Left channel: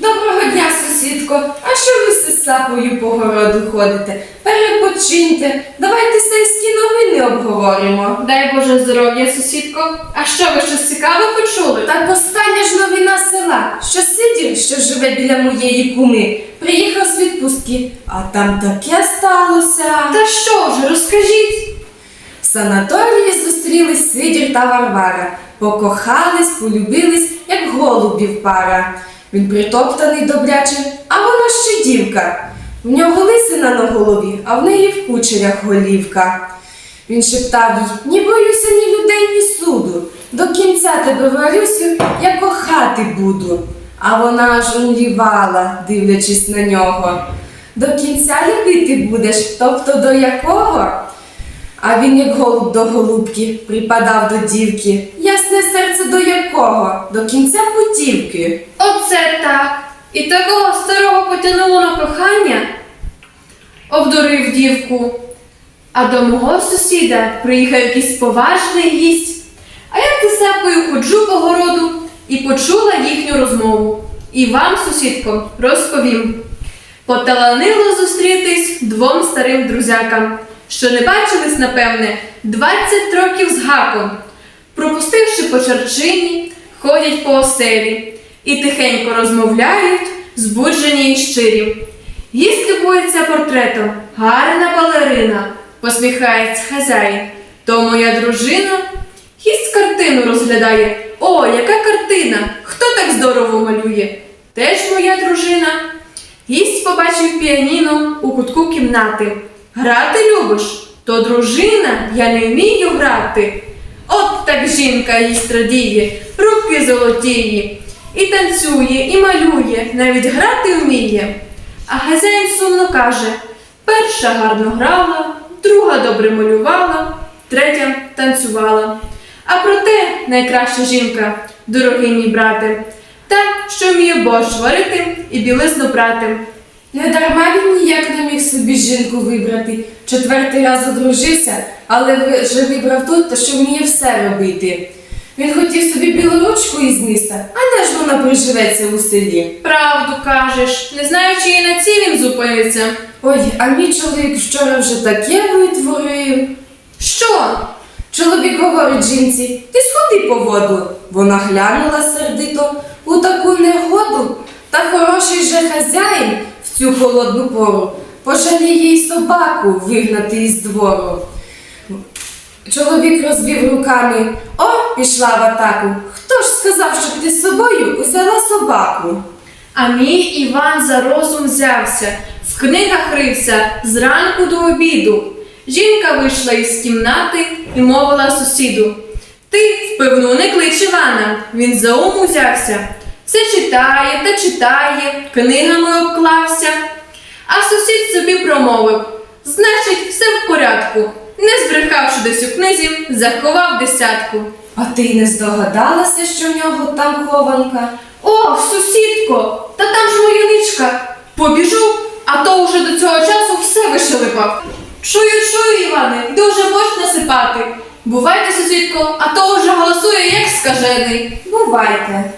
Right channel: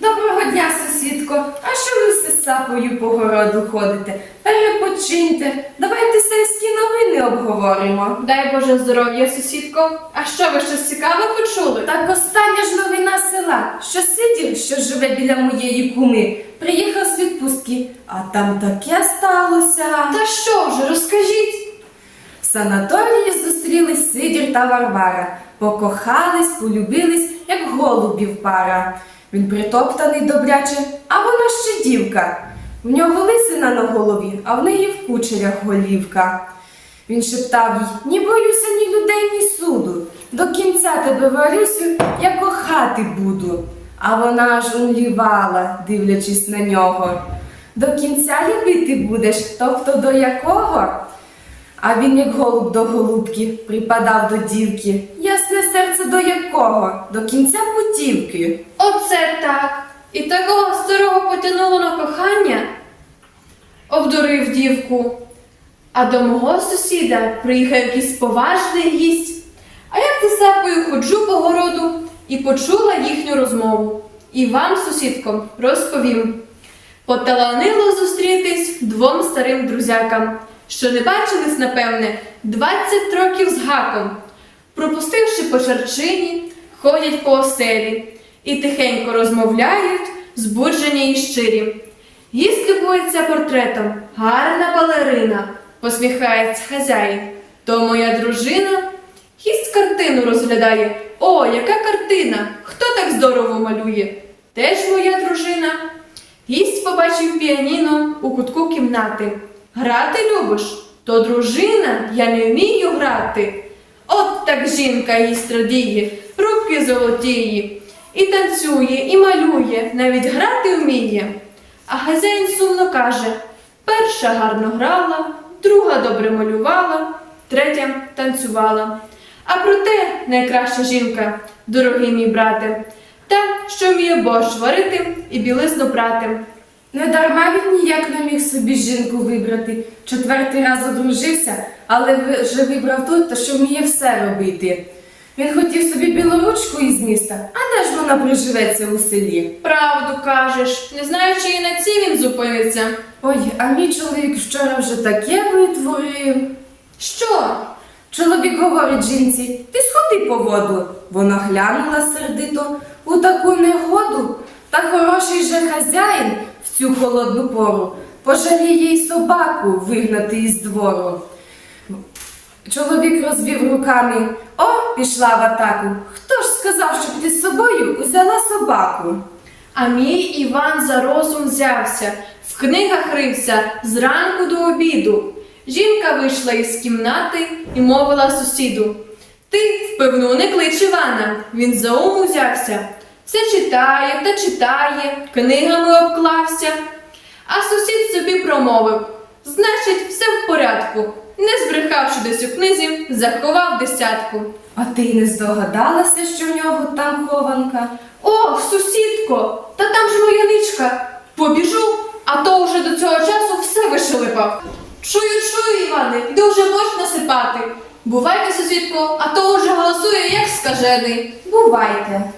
Доброго дня, сусідко. А що ви з сапою по городу ходите? Перепочиньте. Давайте сельські новини обговоримо. Дай Боже здоров'я, сусідко. А що ви щось цікаве почули? Так остання ж новина села, що Сидір, що живе біля моєї куми, приїхав з відпустки, а там таке сталося. Та що ж, розкажіть. В санаторії зустрілись Сидір та Варвара. Покохались, полюбились, як голубів пара. Він притоптаний добряче, а вона ще дівка. В нього лисина на голові, а в неї в кучерях голівка. Він шептав їй, ні боюся ні людей, ні суду. До кінця тебе варюсю, я кохати буду. А вона аж умлівала, дивлячись на нього. До кінця любити будеш, тобто до якого? А він, як голуб до голубки, припадав до дівки. До якого? До кінця путівки. Оце так. І такого старого потягнуло на кохання. Обдурив дівку. А до мого сусіда приїхав якийсь поважний гість. А я за сапою ходжу по городу і почула їхню розмову. І вам, сусідкам, розповім. Поталанило зустрітись двом старим друзякам, що не бачились, напевне, 20 років з гаком. Пропустивши по черчині, ходять по оселі і тихенько розмовляють, збуджені і щирі. Гість любується портретом, гарна балерина, посміхається хазяїн. То моя дружина. Гість картину розглядає. О, яка картина! Хто так здорово малює? Теж моя дружина. Гість побачив піаніно у кутку кімнати. Грати любиш? То дружина, я не вмію грати. Так жінка їсть радіє, руки золотіє, і танцює, і малює, навіть грати вміє. А хазяїн сумно каже: перша гарно грала, друга добре малювала, третя танцювала. А проте найкраща жінка, дорогий мій брате, та, що вміє борщ варити і білизну прати. Не дарма він ніяк не міг собі жінку вибрати. Четвертий раз одружився, але вже вибрав ту, та що вміє все робити. Він хотів собі білоручку із міста, а де ж вона приживеться у селі? Правду кажеш, не знаю, чи і на цій він зупиниться. Ой, а мій чоловік вчора вже таке витворив. Що? Чоловік говорить жінці, ти сходи по воду. Вона глянула сердито у таку негоду. Та хороший же хазяїн цю холодну пору пожаліє й собаку вигнати із двору. Чоловік розвів руками. О, пішла в атаку. Хто ж сказав, щоб ти з собою узяла собаку? А мій Іван за розум взявся, в книгах рився зранку до обіду. Жінка вийшла із кімнати і мовила сусіду. Ти впевну не клич Івана, він за ум узявся. Все читає та читає, книгами обклався. А сусід собі промовив: значить, все в порядку. Не збрехавши десь у книзі, заховав десятку. А ти й не здогадалася, що в нього там хованка? Ох, сусідко, та там ж моя ничка. Побіжу, а то уже до цього часу все вишелепав. Чую, чую, Іване, дуже борщ насипати. Бувайте, сусідко, а то уже голосує, як скажений. Бувайте.